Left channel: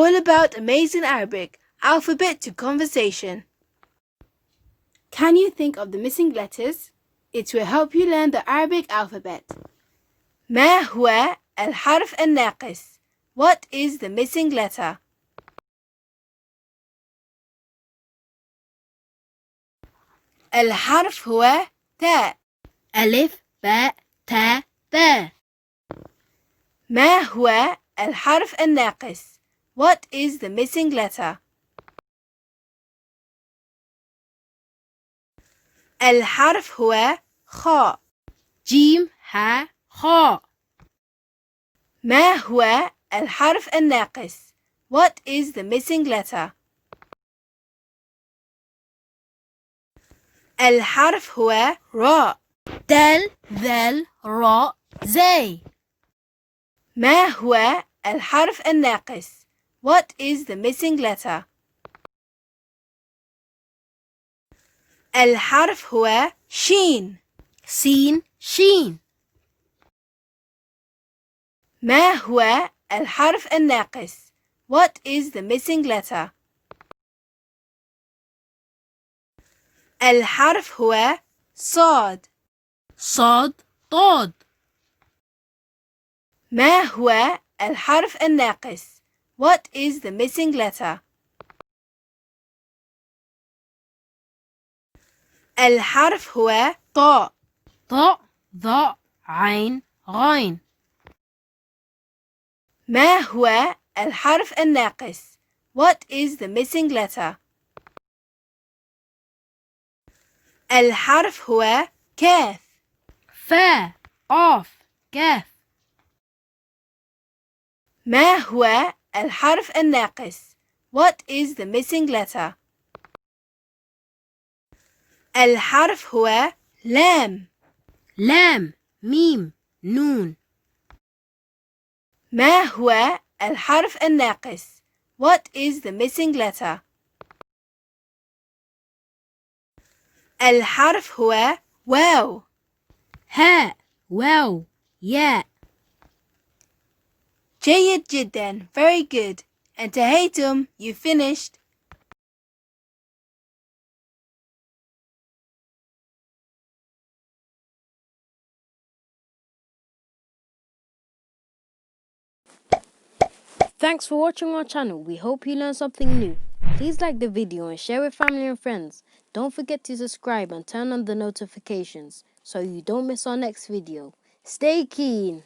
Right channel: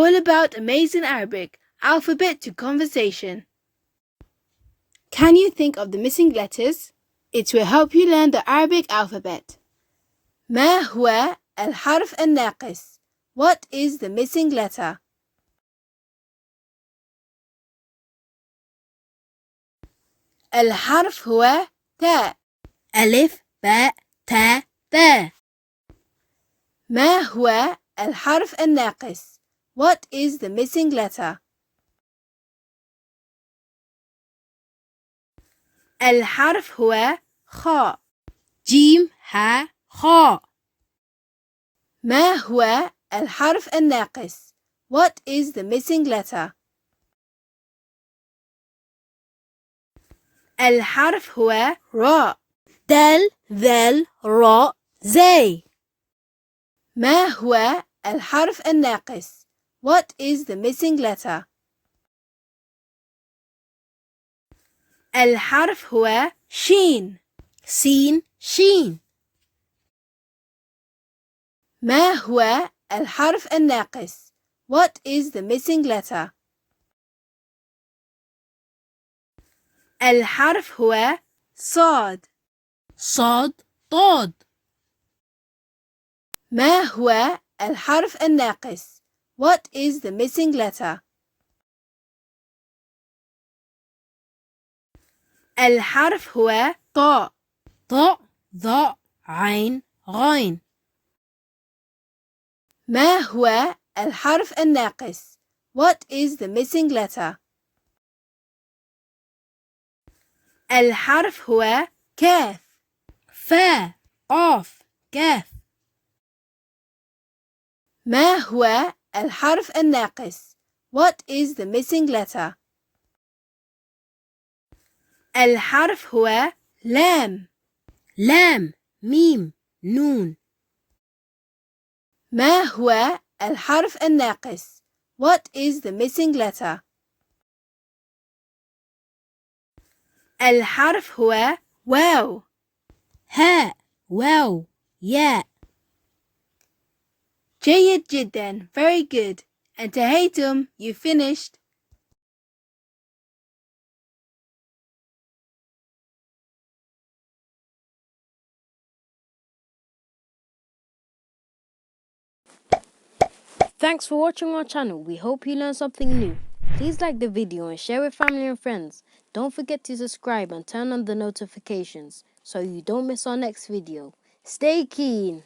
all about amazing Arabic, alphabet to conversation. Can you think of the missing letters? It will help you learn the Arabic alphabet. ما هو الحرف الناقص? What is the missing letter? الحرف هو تاء. ألف باء تاء ثاء. ما هو الحرف الناقص? What is the missing letter? الحرف هو خاء. جيم ها خاء. ما هو الحرف الناقص? What is the missing letter? الحرف هو راء. دال ذال راء زاي. ما هو الحرف الناقص? What is the missing letter? الحرف هو شين. سين شين. ما هو الحرف الناقص? What is the missing letter? الحرف هو صاد. صاد ضاد. ما هو الحرف الناقص? What is the missing letter? الحرف هو طاء. طاء ضاء عين غين. ما هو الحرف الناقص? What is the missing letter? الحرف هو كاف. فاء قاف كاف. ما هو الحرف الناقص? What is the missing letter? الحرف هو لام. لام ميم نون. ما هو الحرف الناقص? What is the missing letter? الحرف هو واو. هاء واو ياء. جيد جدا. Very good. انتهيتم. You finished. Thanks for watching our channel. We hope you learned something new. Please like the video and share with family and friends. Don't forget to subscribe and turn on the notifications so you don't miss our next video. Stay keen.